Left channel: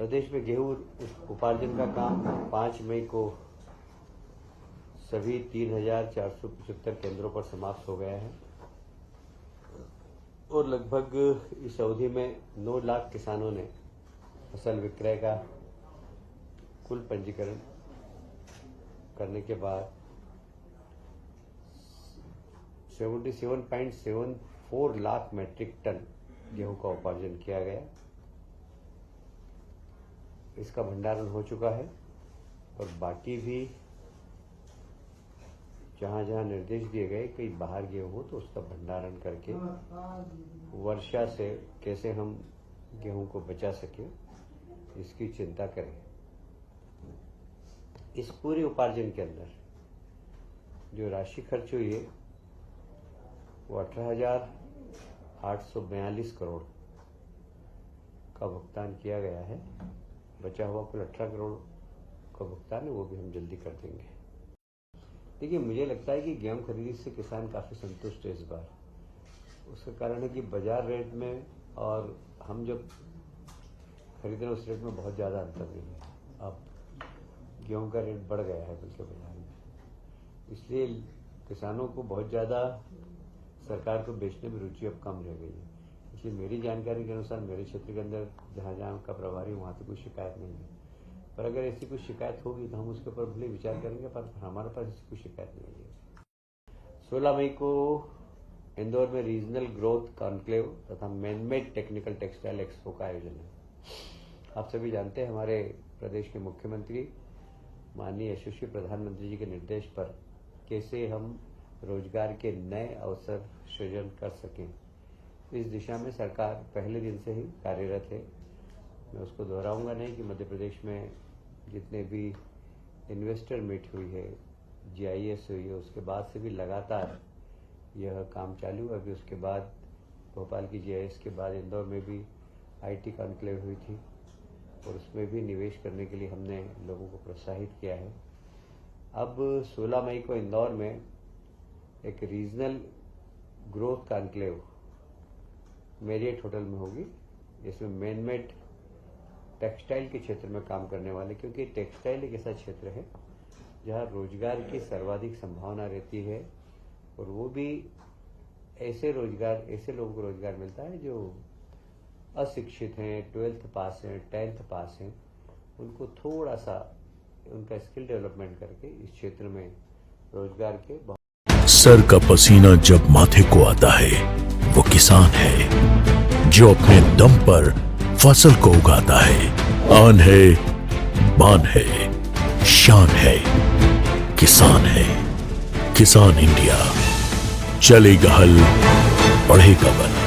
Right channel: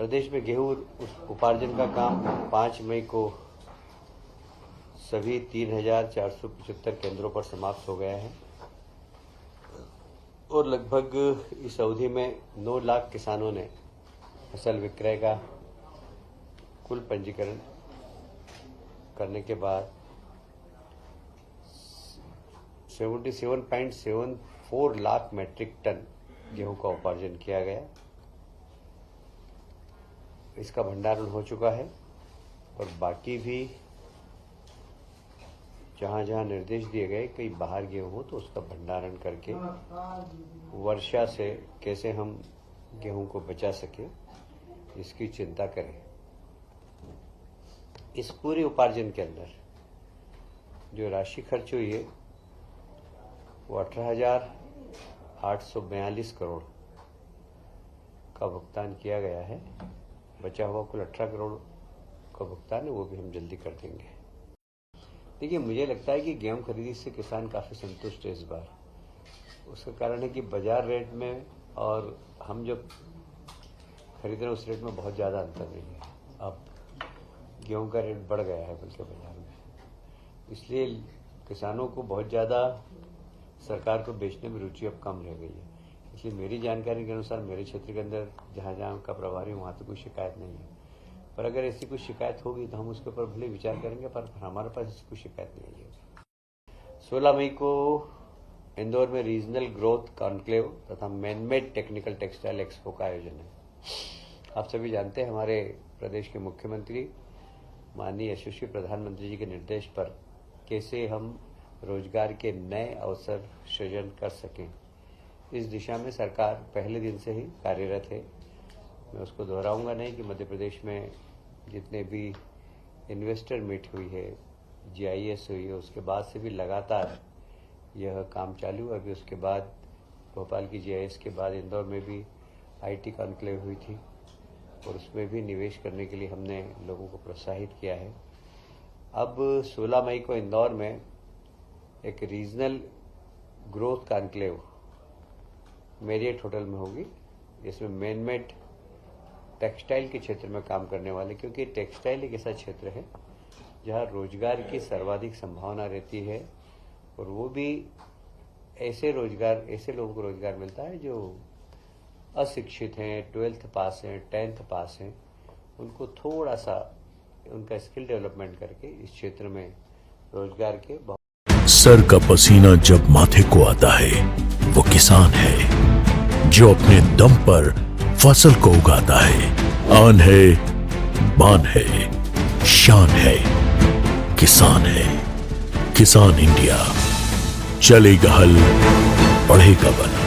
प्रदेश में गेहूं उपार्जन का काम 5 मई को सभी 3,475 केंद्रों पर समाप्त हो गया है और लगभग इस अवधि में 9 लाख किसानों ने फसल विक्रय का कुल पंजीकरण करने के बाद 77.74 लाख मीट्रिक टन गेहूं का उपार्जन किया गया। इसका भंडारण हो चुका है और बाकी भी जहां जहां निर्देश दिए गए कहीं बाहर गेहूं हो तो उसका भंडारण करके वर्षा से कैसे हम गेहूं को बचा सके इसकी चिंता करें। इस पूरे उपार्जन के अंदर जो राशि खर्च हुई है वो 18,842 करोड़ का भुगतान किया गया है। बचा हुआ कुल 18 करोड़ का भुगतान है, वो भी हम जल्दी कर देंगे। देखिए, मुझे लगता है कि गेहूं खरीदी से किसान काफ़ी संतुष्ट है इस बार। उसका कारण है कि बाजार रेट में और हम जब खरीद रहे हैं उस रेट में बहुत ज़्यादा अंतर नहीं है। अब गेहूं का रेट बढ़ गया है बल्कि बाजार में, इसलिए किसानों को बहुत ज़्यादा सरकार को बेचने में रुचि अब कम रह गई है। इसलिए मेरी जानकारी के अनुसार मेरे क्षेत्र के अंदर जहाँ जहाँ का प्रभारी वहाँ तो कोई शिकायत नहीं है, पर अगर ऐसी कोई शिकायत होगी तो हम उसके ऊपर भले विचार करेंगे, पर हमारे पास ऐसी कोई शिकायत नहीं है। 16 मई को इंदौर में रीजनल ग्रोथ कॉन्क्लेव तथा मैनमेड टेक्निकल टेक्सटाइल एक्सपो का आयोजन है। आप सभी जानते हैं हमारे प्रदेश के मुख्यमंत्री माननीय यशस्वी प्रधानमंत्री जी के निर्देश पर कैसे हम रोजगार के नए अवसर सृजन कर सकें, इस दिशा में सरकार पहले दिन से ही कार्यरत है। मैं उसको दोहराऊंगा नहीं कि मध्य प्रदेश में जितने भी इन्वेस्टर मीट हुई है, GIS हुई है, उसके बाद से भी लगातार यह काम चालू है। अभी उसके बाद भोपाल की GIS के बाद इंदौर में भी IT कॉन्क्लेव हुई थी और उसमें भी निवेश करने के लिए हमने लोगों को प्रोत्साहित किया है। अब 16 मई को इंदौर में एक regional growth conclave Marriott hotel में होगी, जिसमें मैनमेड टेक्सटाइल के क्षेत्र में काम करने वाले, क्योंकि टेक्सटाइल एक ऐसा क्षेत्र है जहां रोजगार की सर्वाधिक संभावना रहती है और वो भी ऐसे लोगों को रोजगार मिलता है जो अशिक्षित हैं, 12th पास हैं, 10th पास हैं। उनको थोड़ा सा उनका स्किल डेवलपमेंट करके इस क्षेत्र में रोजगार के सर का पसीना जब माथे को आता है वो किसान है जो अपने दम पर फसल को उगाता है। आन है, बान है, शान है, किसान है। किसान इंडिया, चलेगा हल, बढ़ेगा बल।